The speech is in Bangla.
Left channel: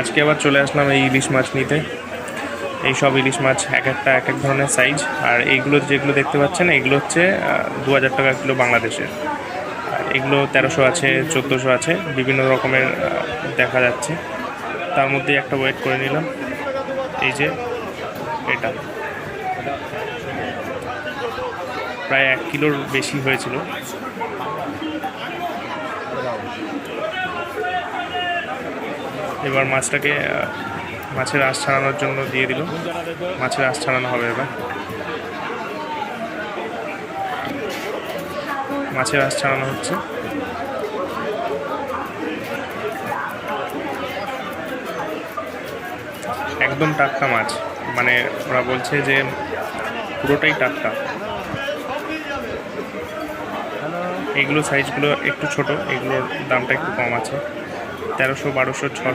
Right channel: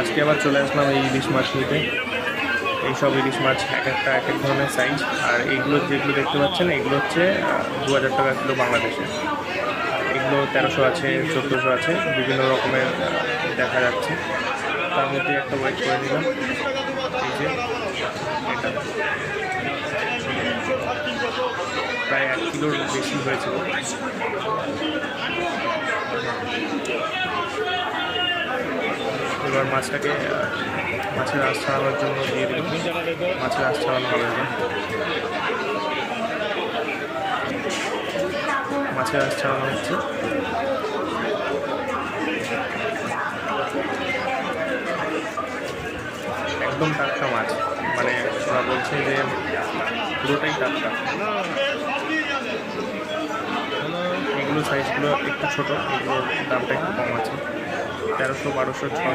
আজকে আবার চলে আসলাম এই ইলিশ মাছ নিতে। এই সব ইলিশ মাছ এক একটা এক এক ধরনের সাইজ। আর এইগুলো যেগুলো দেখতে পাচ্ছেন এগুলো হচ্ছে 2000 টাকা কিলো বাংলাদেশে। আর এগুলো 1300 আছে, 1400 আছে, বিভিন্ন রকমের দেখা যাচ্ছে। তার মধ্যে একটা ওয়েট করে নিলাম। এই যে এটা প্রায় 1 কিলোর বেশি হয়েছিল। এবার মাছটাকে মাছের আঁশ ছাড়ানোর জন্য দিয়ে দিল। মাছের আঁশ ছাড়ানো হবে এবার। মাছের আঁশ ছাড়ানো হচ্ছে। একদম টাটকা মাছ, মানে ওরা বলছে যে পুরোটাই টাটকা। এগুলো সাইজগুলো একটু ছোট, এগুলোর দামটা একটু কম আছে, 1300, 1200, 600।